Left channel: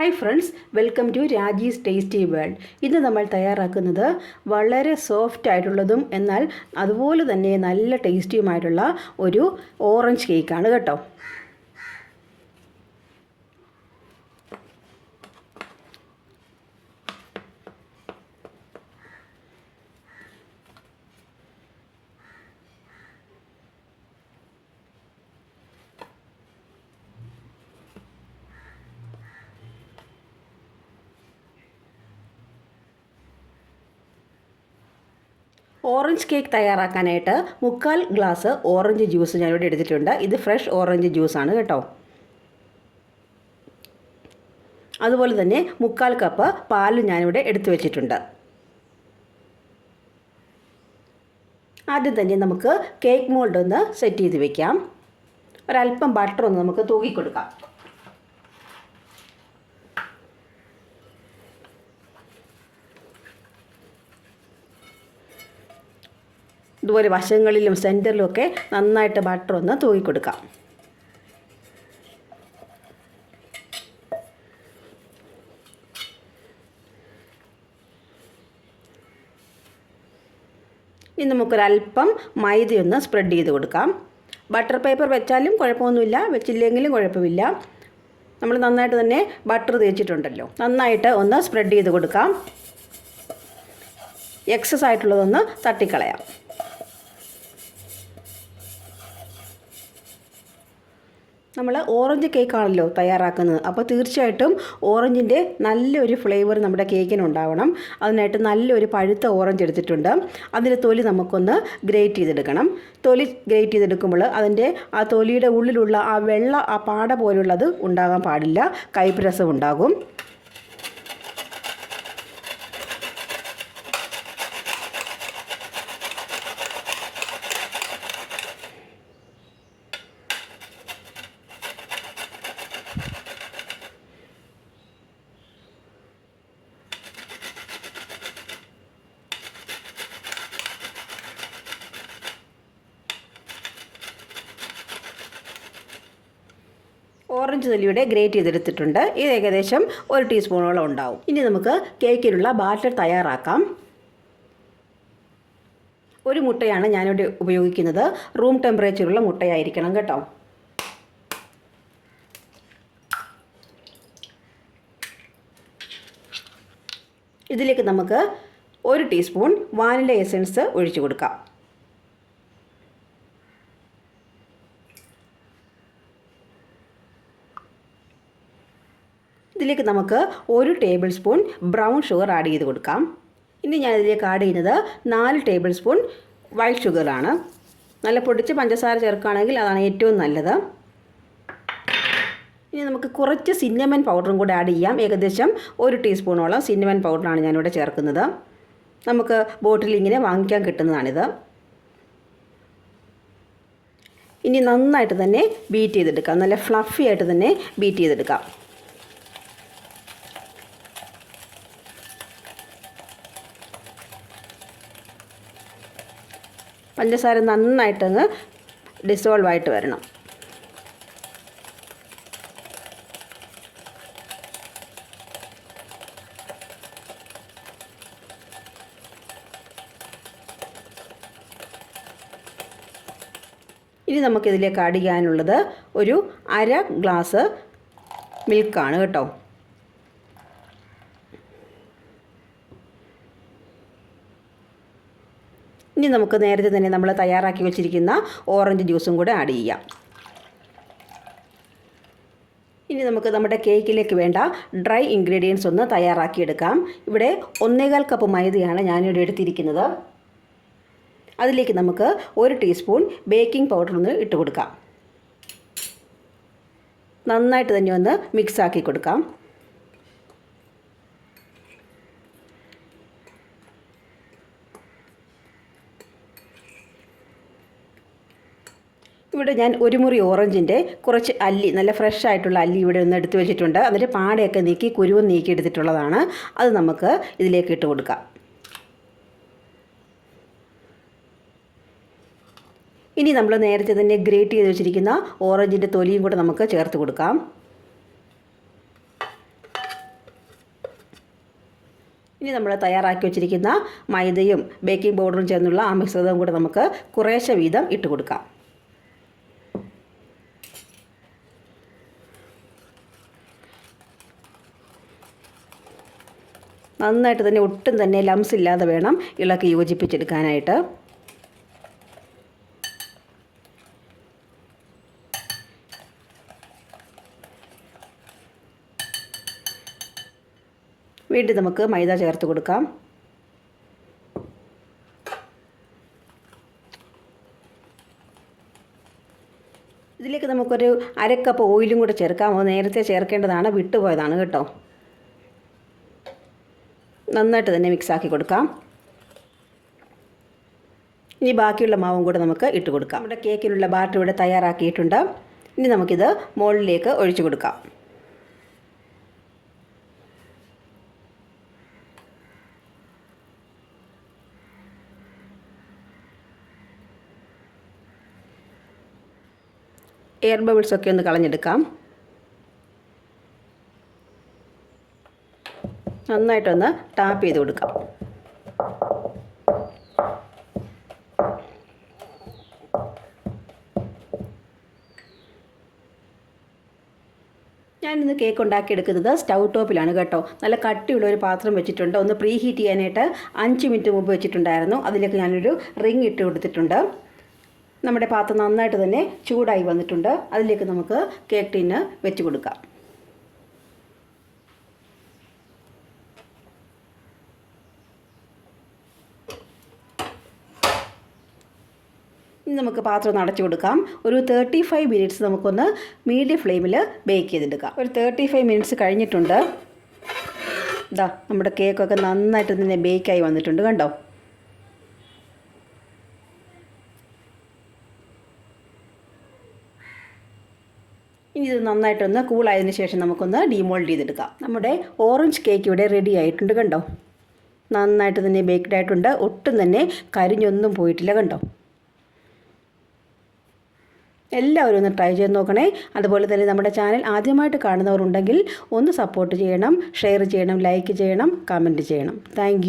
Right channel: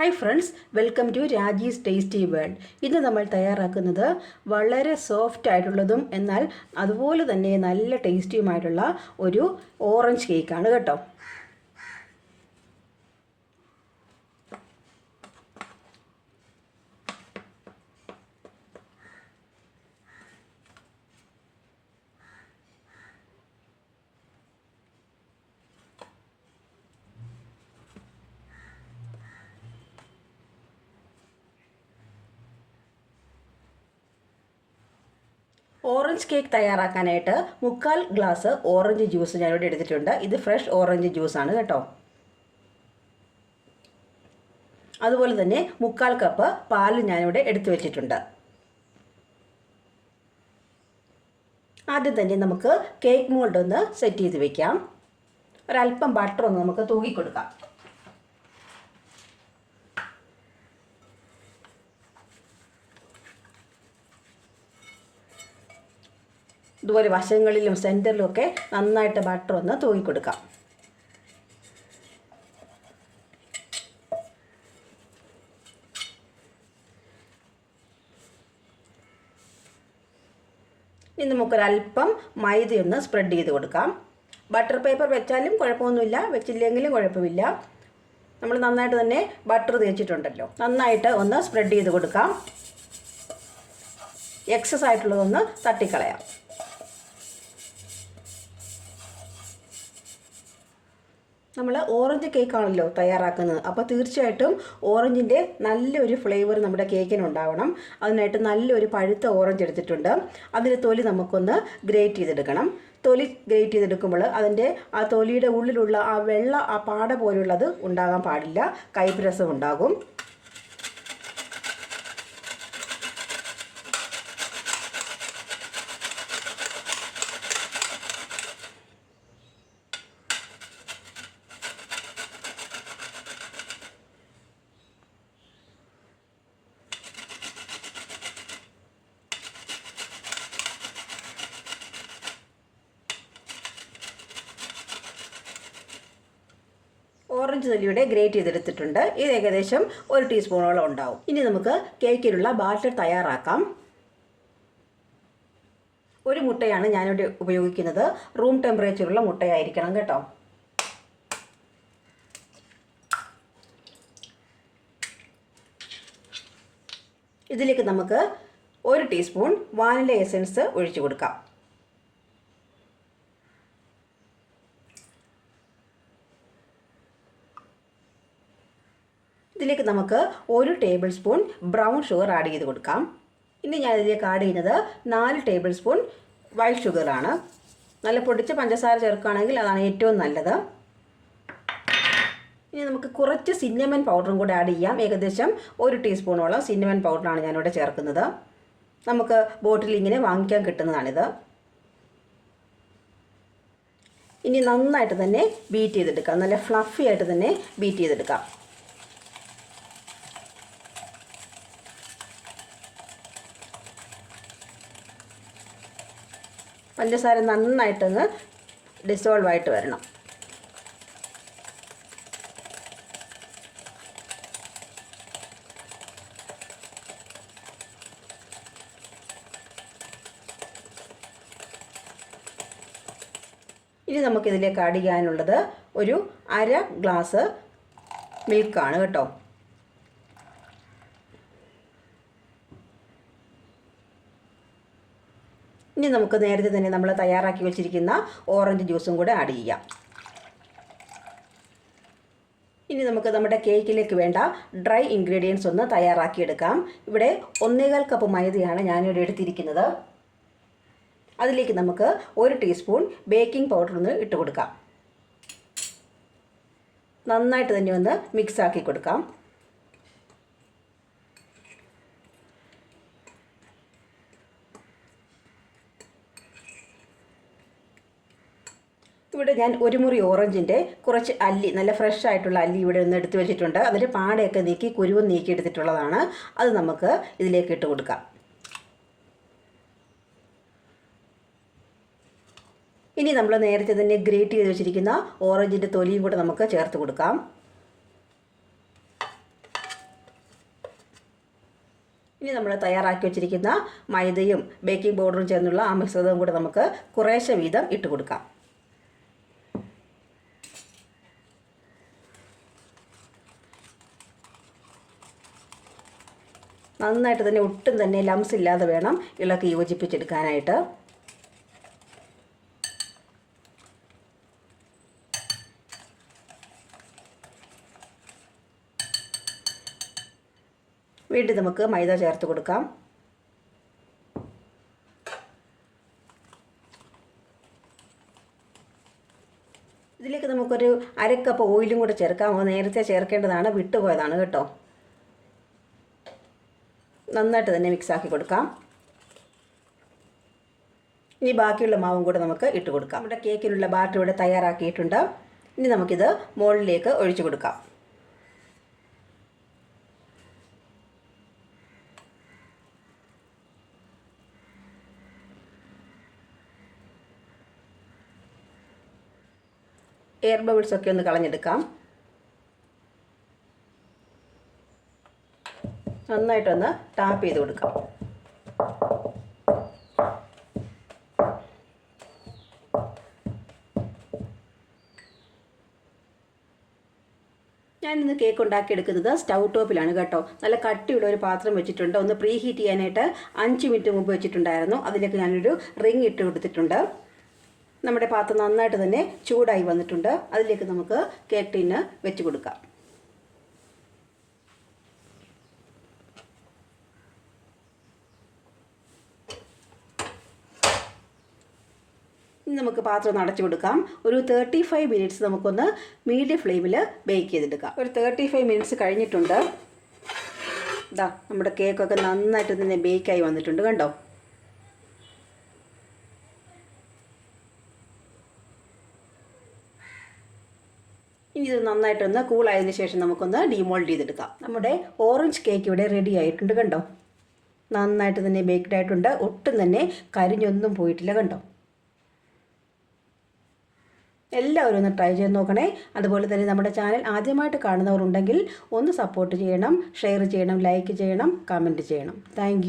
Hi friends welcome to Raji's tasty world ഇന്ന് നമ്മൾ തയ്യാറാക്കുന്നത് വളരെ സോഫ്റ്റ് ആയിട്ടുള്ളതും എന്നാൽ അതുപോലെ തന്നെ നല്ല ടേസ്റ്റിയുമായിട്ടുള്ള ഒരു ഓറഞ്ച് കേക്കാണ് കേട്ടോ. ഓറഞ്ച് കേക്ക് തയ്യാറാക്കാനായിട്ട് മുക്കാൽ ഗ്ലാസ് ഓറഞ്ച് ജ്യൂസ് ഞാനിവിടെ എടുത്തിട്ടുണ്ട്. ഇത് ഫ്രഷ് ഓറഞ്ച് ജ്യൂസാണ് കേട്ടോ. അതുപോലെ തന്നെ മുക്കാൽ കപ്പ് പാൽ ഞാനിവിടെ എടുത്തു വെച്ചിട്ടുണ്ട്. ആദ്യം തന്നെ നമുക്ക് കേക്ക് മോൾഡ് ഒന്ന് സെറ്റ് ചെയ്ത് വെക്കാം. ഒരല്പം ബട്ടർ ഒന്ന് നമുക്ക് തൂക്കി ഇതുപോലെ വശങ്ങളിലും സെന്ററിലും ഒക്കെ നന്നായിട്ട് ബട്ടർ ഒന്ന് തൂക്കി കൊടുക്കാം. ഇനി നമുക്കൊരല്പം മൈദയൊന്ന് സ്പ്രെഡ് ചെയ്ത് കൊടുക്കാം. ബട്ടർ പേപ്പർ വെച്ചാലും കുഴപ്പമൊന്നുമില്ല വെച്ചില്ലെങ്കിലും കുഴപ്പമില്ല. നമ്മൾ നന്നായിട്ട് തന്നെ ബട്ടർ തേച്ചിട്ടുണ്ടല്ലോ. നന്നായിട്ട് ഒന്ന് സ്പ്രെഡ് ചെയ്ത് കൊടുക്കാം. എക്സസ് ആയിട്ടുള്ളതൊന്ന് തട്ടിക്കളയാം. നമ്മൾ ഓറഞ്ച് കേക്കാണല്ലോ തയ്യാറാക്കുന്നത്. അപ്പോൾ തീർച്ചയായിട്ടും ഓറഞ്ചിന്റെ നല്ലൊരു ഫ്ലേവർ നമ്മുടെ കേക്കിന് ഉണ്ടാവണം. അതിനായിട്ട് നല്ലൊരു പഴുത്ത ഓറഞ്ച് എടുത്തിട്ടുണ്ട്. അതിന്റെ തൊലി നമുക്കൊന്ന് ഗ്രേറ്റ് ചെയ്തെടുക്കണം. തൊലി ഗ്രേറ്റ് ചെയ്തെടുക്കുമ്പോൾ അതിന്റെ ആ തൊലിയുടെ ഉള്ളിലുള്ള ആ വെള്ള ആ പാട പോലുള്ളത് ഉണ്ടാകാൻ പാടില്ല. കൈപ്പ് രസം ഉണ്ടാകും. ഓറഞ്ച് തൊലിയുടെ ഗ്രേറ്റ് ചെയ്തെടുത്തിട്ടുണ്ട്. ഇത് ഏകദേശം ഒരു ടീസ്പൂണോളം ഉണ്ടാവും. ഇനി നമുക്ക് കേക്കിനുള്ള ബാറ്റർ തയ്യാറാക്കാം. ഒരു മുട്ടയാണ് ഞാനിവിടെ ഉപയോഗിക്കുന്നത്. റൂം ടെമ്പറേച്ചറുള്ള മുട്ടയായിരിക്കണം കേട്ടോ. ഇതിലേക്ക് നമുക്ക് ഒരു ടീസ്പൂൺ വാനില എസൻസ് ഒഴിച്ചു കൊടുക്കാം. ഇതിലേക്ക് നമുക്ക് ഒരു tablespoon brown sugar add ചെയ്ത് കൊടുക്കാം. ഇനി ഞാൻ ഇതിലേക്ക് ആഡ് ചെയ്യുന്നത് നാല് ടേബിൾ സ്പൂൺ വൈറ്റ് ഷുഗറാണ് നല്ല പൊടിച്ച് പഞ്ചസാര ചേർക്കുകയാണെങ്കിൽ അതാണ് ഏറ്റവും നല്ലത്. ഇനി നമുക്ക് കുറച്ച് സിന്നമൻ പൗഡറും കൂടെ ആഡ് ചെയ്യാം. ഏകദേശം ഒരു ടീസ്പൂണോളം സിന്നമൻ പൗഡറാണ് ഞാനിവിടെ ചേർക്കുന്നത്. നമുക്ക് ബോട്ടിൽ ഇങ്ങനെ വാങ്ങിക്കാൻ കിട്ടുന്നതാണിത്. ഇനി നന്നായിട്ട് തന്നെ ബീറ്റ് ചെയ്തെടുക്കാം. നല്ല ഫ്ലഫി ആയിട്ട് തന്നെ ബീറ്റ് ചെയ്തെടുക്കാം. പഞ്ചസാര നന്നായിട്ടൊന്ന് ഡിസോൾവ് ആയിട്ട് വരണം. ഇനി നമുക്കിതിലേക്ക് ആഡ് ചെയ്യാനുള്ളത് ഒരു അര ഗ്ലാസ് മിൽക്കാണ് കേട്ടോ. ഇനി നമുക്ക് നേരത്തെ തന്നെ നമ്മൾ തയ്യാറാക്കി വെച്ചിരിക്കുന്ന ഓറഞ്ച് ജ്യൂസും കൂടെ ആഡ് ചെയ്യാം. ഇനി നമുക്ക് നമ്മുടെ കേക്കിലേക്ക് വേണ്ട ഡ്രൈ ഇൻഗ്രീഡിയൻസ് ഒന്ന് തയ്യാറാക്കിയെടുക്കാം. ഇവിടെ ഒന്നേകാൽ കപ്പ് മൈദയാണ് ഞാനിവിടെ എടുത്തിരിക്കുന്നത്. അതിലേക്ക് നമുക്ക് ഒരു ടീസ്പൂൺ ബേക്കിംഗ് പൗഡർ ഒന്ന് ഇട്ട് കൊടുക്കാം നന്നായിട്ട് തന്നെ ഒന്ന് മിക്സ് ആക്കി കൊടുക്കാം. ഇവിടെ ഞാൻ ഒരു മുറി ഓറഞ്ചിന്റെ കുറച്ച് അല്ലി നല്ല ഫ്രഷ് ആയിട്ടുള്ള അല്ലി ഇവിടെ ഒന്ന് എടുത്തു വെച്ചിട്ടുണ്ട്. അതിന്റെ പാടയൊക്കെ നീക്കി കുരുവും നീക്കി എടുത്തിട്ടുള്ളതാണ്. അത് നമുക്ക് ഇതിലേക്ക് ഇട്ട് കൊടുക്കാം. ഇനി നമ്മൾ നേരത്തെ തന്നെ ഗ്രേറ്റ് ചെയ്ത് വെച്ചിരിക്കുന്ന ഓറഞ്ചിന്റെ തൊലിയും കൂടെ നമുക്ക് ചേർത്ത് കൊടുക്കാം. ഇനി നമ്മൾ തയ്യാറാക്കി വെച്ചിരിക്കുന്ന മൈദയും ബേക്കിംഗ് പൗഡറും ചേർന്നുള്ള ആ മിശ്രിതവും കൂടെ നമുക്ക് കുറേശ്ശെ വീതം ഇട്ട് കൊടുക്കാം. നന്നായിട്ട് തന്നെ ഒട്ടും തന്നെ ലംസ് ഇല്ലാതെ വേണം ഇളക്കി യോജിപ്പിച്ചെടുക്കാനായിട്ട്. വീണ്ടും നമുക്ക് മൈദ ചേർത്ത് കൊടുക്കാം. ഇതിലേക്ക് നമുക്കൊരു അരക്കപ്പ് ഓയിലും കൂടെ ചേർക്കാം. നേരത്തെ ചേർക്കേണ്ടതാണ് വിട്ടുപോയതാണ് കേട്ടോ. നന്നായിട്ട് തന്നെ മിക്സാക്കി കൊടുക്കാം. ഇനി ബാക്കിയുള്ള മാവും കൂടെ നമുക്ക് ഇട്ട് കൊടുക്കാം. നമ്മുടെ കേക്കിനുള്ള ബാറ്റർ ഇവിടെ തയ്യാറാക്കിയിട്ടുണ്ട്. ഇനി നമുക്കിത് മുകളിലേക്ക് ഒഴിച്ചു കൊടുക്കാം. എയർ ബബിൾസ് ഒക്കെ ഒന്ന് കളഞ്ഞെടുക്കാം. നന്നായിട്ടൊന്ന് ടാപ്പ് ചെയ്ത് കൊടുക്കാം. ഞാനിന്ന് കേക്ക് ഉണ്ടാക്കിയെടുക്കുന്നത് സ്റ്റൗ ടോപ്പിലാണ് കേട്ടോ. നല്ല കട്ടിയുള്ള ഒരു പാത്രം വെച്ചിട്ടുണ്ട്. ഒന്ന് പ്രീ ഹീറ്റ് ചെയ്യാനായിട്ട് അഞ്ച് മിനിറ്റ് മുമ്പ് വെച്ചിട്ടുണ്ടായിരുന്നു. അതിലേക്ക് ഞാനൊരു റിങ് ഇട്ട് കൊടുത്തിട്ടുണ്ട്. നമ്മുടെ പാത്രം നന്നായിട്ട് തന്നെ ചൂടായി വന്നിട്ടുണ്ട്. അതിലേക്ക് നമുക്ക് കേക്ക് ടിന്ന് വെച്ച് കൊടുക്കാം. ഇനി നമുക്ക് പാത്രം ഒന്ന് അടച്ചു കൊടുക്കാം. ഒരു തേർട്ടി ഫൈവ് മിനിറ്റ്സ് നമുക്കൊന്ന് മീഡിയം ഫ്ലെയിമിൽ ബേക്ക് ചെയ്തെടുക്കാം. ഒരു തേർട്ടി ഫൈവ് മിനിറ്റ്സ് കഴിഞ്ഞിട്ടുണ്ട്. ഇതാ നമ്മുടെ കേക്കൊക്കെ നന്നായിട്ട് തന്നെ ബേക്കായി വന്നിട്ടുണ്ട് കണ്ടോ? ഇനി ഇത് നന്നായിട്ടൊന്ന് കൂളായതിന് ശേഷം നമുക്കൊന്ന് ഡീമോൾഡ് ചെയ്തെടുക്കാം. നമ്മുടെ ഓറഞ്ച് കേക്ക് ഇവിടെ റെഡി ആയിട്ടുണ്ട് കണ്ടോ? നന്നായിട്ട് തന്നെ ബേക്ക്ഡ് ആയിട്ടുണ്ട്. ഒട്ടും തന്നെ കരിഞ്ഞൊന്നും പോയിട്ടില്ല കണ്ടോ? എല്ലാവരും ഒന്ന് ട്രൈ ചെയ്ത് നോക്കണേ. അതുപോലെ തന്നെ നമ്മുടെ ചാനൽ ആദ്യമായിട്ട് കാണുന്നവരുണ്ടെങ്കിൽ ഒന്ന് സപ്പോർട്ട് ചെയ്യണം ഷെയർ ചെയ്യണം ലൈക്ക് ചെയ്യണം കമന്റ് ചെയ്യണം. താങ്ക്